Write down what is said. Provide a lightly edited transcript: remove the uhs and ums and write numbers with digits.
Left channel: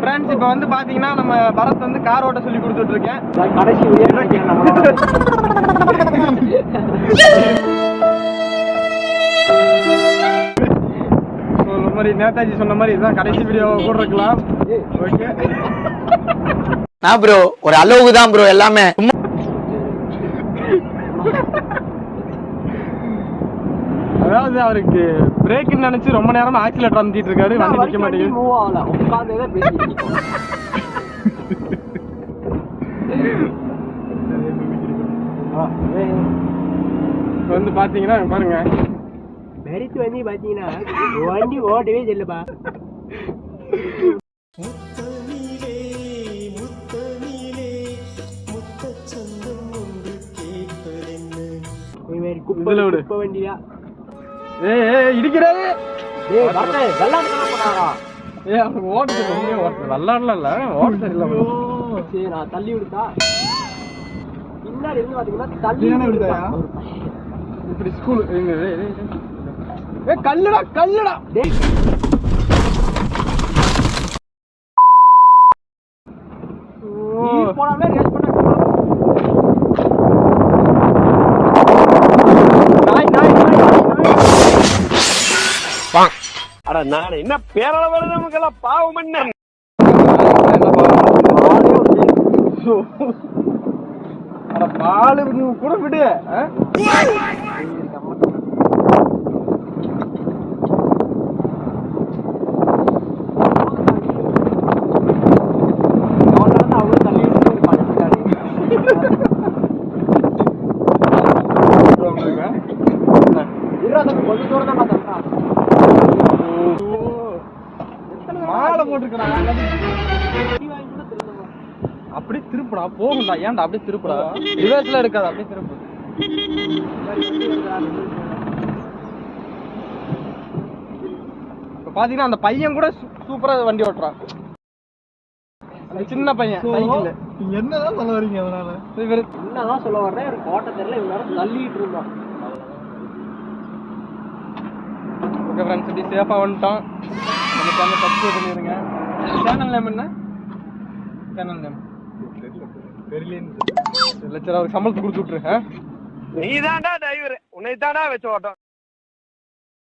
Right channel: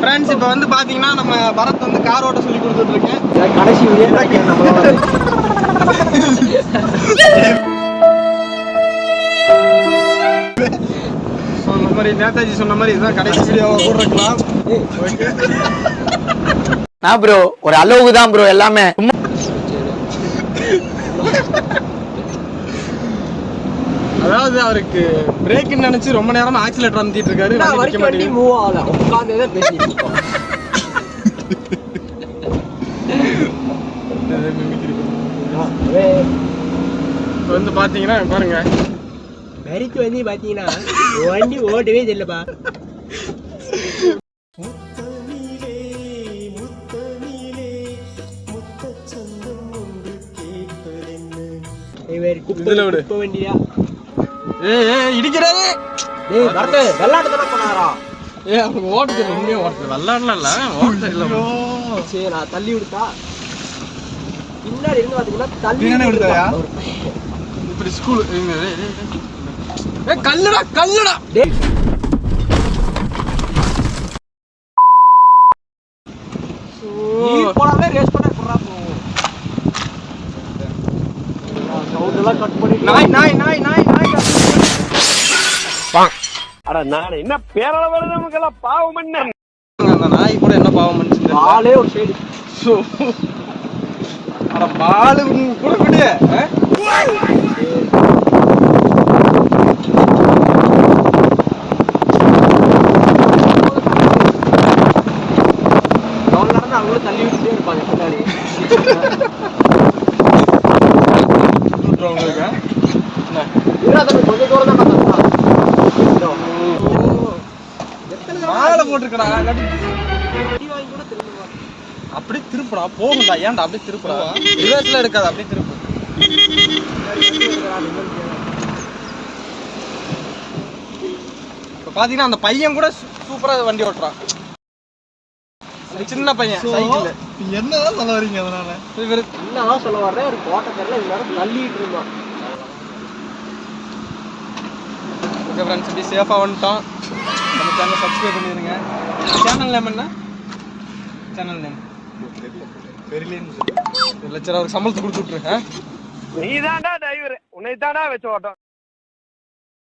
Friends இப்போ வந்து பாத்தீங்கன்னா நம்ம பரத் வந்து கார் ஓட்ட சொல்லி கொடுத்துட்டு இருக்கேன். கடைசி வீடியோ நம்மளோட சொன்ன மாதிரி நேதாஜி சொன்ன மாதிரி இதுதான் கடைசி வீடியோவை கூட இருக்கலாம். ஓகே நான் ப்ரோ ஒரு அளவுக்கு தான் ப்ரோ எல்லாமே. அதாவது அவருக்கு பிரேக்னு நினைச்சு ரொம்ப நேரமா ஆக்சிலேட்டர் அமுத்திட்டு இருக்காரு. வண்டி நிக்க மாட்டேங்குது. மூவ் ஆகல. உட்கார்ந்தே பேசிட்டு இருக்கோம். இப்போ வந்து பாத்தீங்கன்னா பாருங்க பெரிக்கு வந்து பாத்தீங்கன்னா வண்டி ஓட்டவே தெரியலப்பா. குப்பைல விடு வண்டியா. இடிக்கிறாரு. அவங்க ஓட்டு வெள்ளாடல இல்ல ஓட்டு இல்ல. சரி நான் தள்ளி விடுத்தா பின்னாடி இருந்து பாத்தீங்கன்னா தள்ளி விடுதா. இப்படி ஸ்கூல் கல்லுடா கல்லுடா. போனாலே ரேஸ் பண்ண நாய் நாய் நாய் நாய் நாய். அட நான் என்ன பேரளவு நமக்கெல்லாம் பாவம் என்ன நாய் கூட என்ன பாவம் பாலே ஒரு அட பாலு கூட விடு. அவங்களும் தள்ளி விட்டு இருப்பாங்க பின்னாடி. கொஞ்சம் தூரம் தான் மாலை போட்டுருக்கா. அப்படியே திருப்புடா போகும்டா. ஏன்டா அப்படியே திருப்புடா. ரிவர்ஸ்ல இருக்காது அப்படியே திருப்பு. இப்ப பாத்தீங்கன்னா அந்த பையன் கூட சூப்பரா வண்டி ஓட்டுறான். சின்ன பையன் சைக்கிள். என்னதான் சொல்ல வரீங்க? அதனால என்னதான் சொல்ல வர்றேன். ஒரு கோட்டை தெரியல எல்லாரும் தள்ளிட்டு இருந்தோம். ஓகே ஃப்ரெண்ட்ஸ் இப்படி சேஃபாக வந்துட்டோம். நம்ம சேனல் சப்ஸ்கிரைப் பண்ணிடுங்க. சேனல் நேம் என்ன? சேனல் நேம் தெரியல. சரி அவருக்கு சம்பளத்தை கொடுத்து விட்டுரு. நீ தான்டா டிரைவர். உன்னை தான்டா வச்சு ஓட்டம்.